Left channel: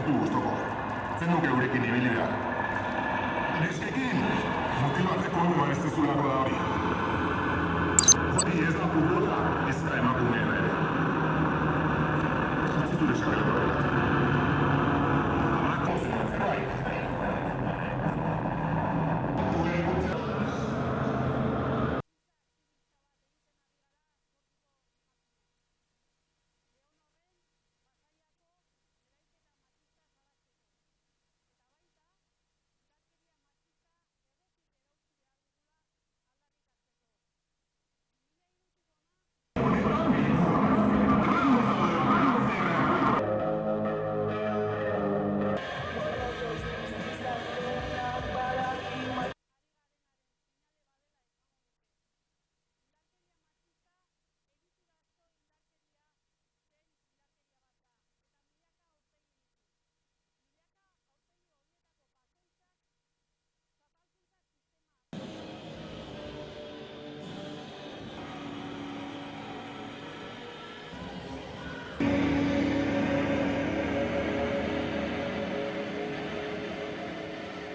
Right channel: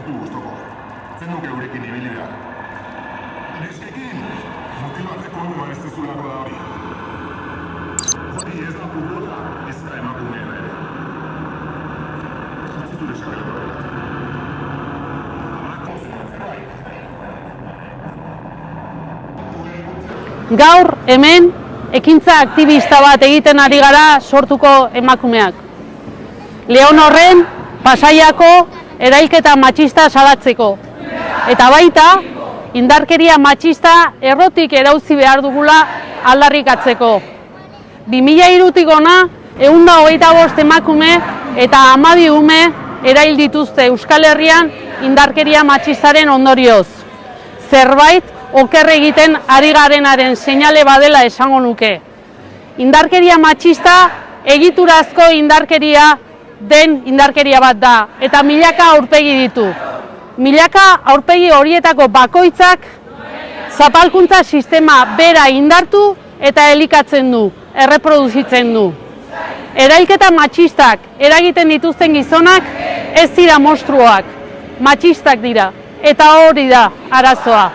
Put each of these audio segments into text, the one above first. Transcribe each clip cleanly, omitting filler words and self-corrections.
ditu guztoko. Zen nuke eurekin ibili behar. Neskekin, motibatzeko onduan ez dezulako da hori. Hori ez da futbola, ez da emakumea ere. Ez zure sabeleko dela. Gaur, hemen, ekintza aktivista bat egiten ari gara sortuko emakumeak. Leon horren, Pasaiako erailketa matxista salatzeko. Eta baita, indarkeria matxista errotik erauzi behar dugula aldarrikatzeko. 2003tik hona, 125 emakume eta 12 ume erail dituzte Euskal Herrian indarkeria matxistaren ondorioz. Zerbait oker egiten ari garenaren seinale badela esango nuke. Indarkeria matxista egiturazko indarkeria den indarkeria bat da, eta milaka aurpegi ditu. Milaka aurpegi horietako bakoitzak zapalkuntza sistema bera indartu eta elikatzen du, erreproduzitzen du. Erailketa matxistak eragiten dituzten gizonak ez dira monstruoak, matxistak dira, eta hori da arazoa.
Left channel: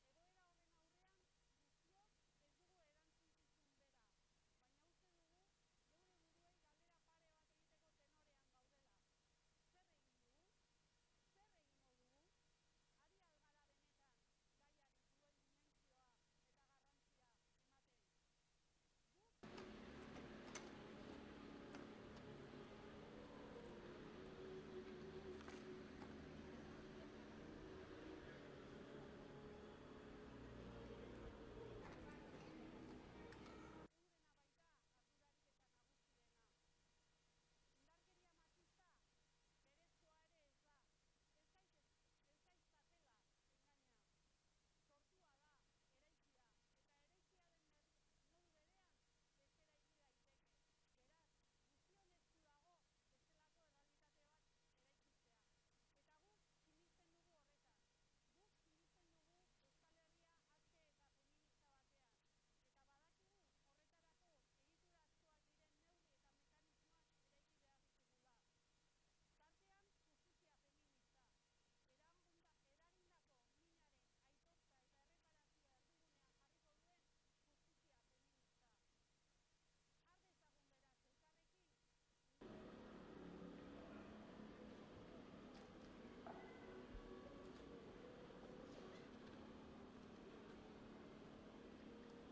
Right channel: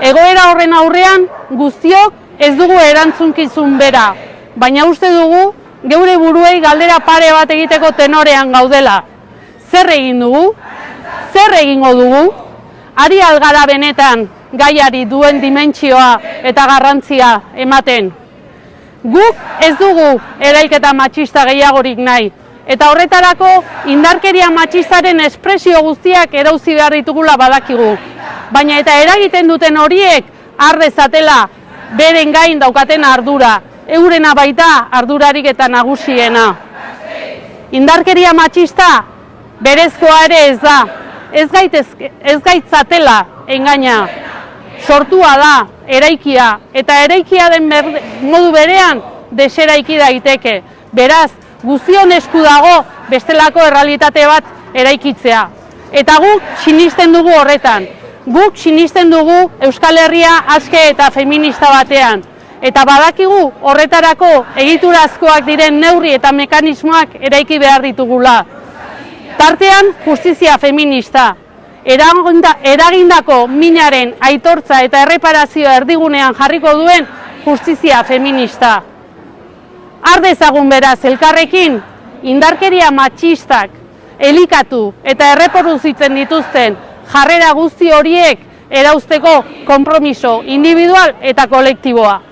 Egoera horren aurrean guztiok ez dugu erantzunkizun bera, baina uste dugu geure buruei galdera pare bat egiteko tenorean gaudela. Zer egin dugu? Zer egingo dugu? Ari algara benetan gaiari duen dimentsioa eta garrantzia ematen. Guk ez dugu erailketa matxista gehiagorik nahi, eta horretarako indarkeria matxistaren espresio guztiak erauzi behar ditugula badakigu. Baina eta eragiten duten horiek har dezatela beren gain daukaten ardura, eurena baita ardurarik eta nagusiena. Indarkeria matxista berezkoa ere ez da, ez gaitzatela engaina. Sortua da, eraikia, eta eraikia den modu berean deseraiki daiteke. Beraz, guztion esku dago bestelako errealitate bat eraikitzea. Eta guk sinisten dugu horretan. Guk sinisten dugu Euskal Herria aske eta feminista batean. Eta badakigu horretarako egiturazkoak diren neurri eta mekanismoak eraiki behar ditugula. Tartean, justizia feminista. Eragindako minaren aitortza eta erreparazioa erdigunean jarriko duen justizia feminista. Har dezagun beraz elkarrekin, indarkeria matxistak elikatu eta erreproduzitzen dituzten jarrera guzti horiek erauzteko konpromiso individual eta kolektiboa.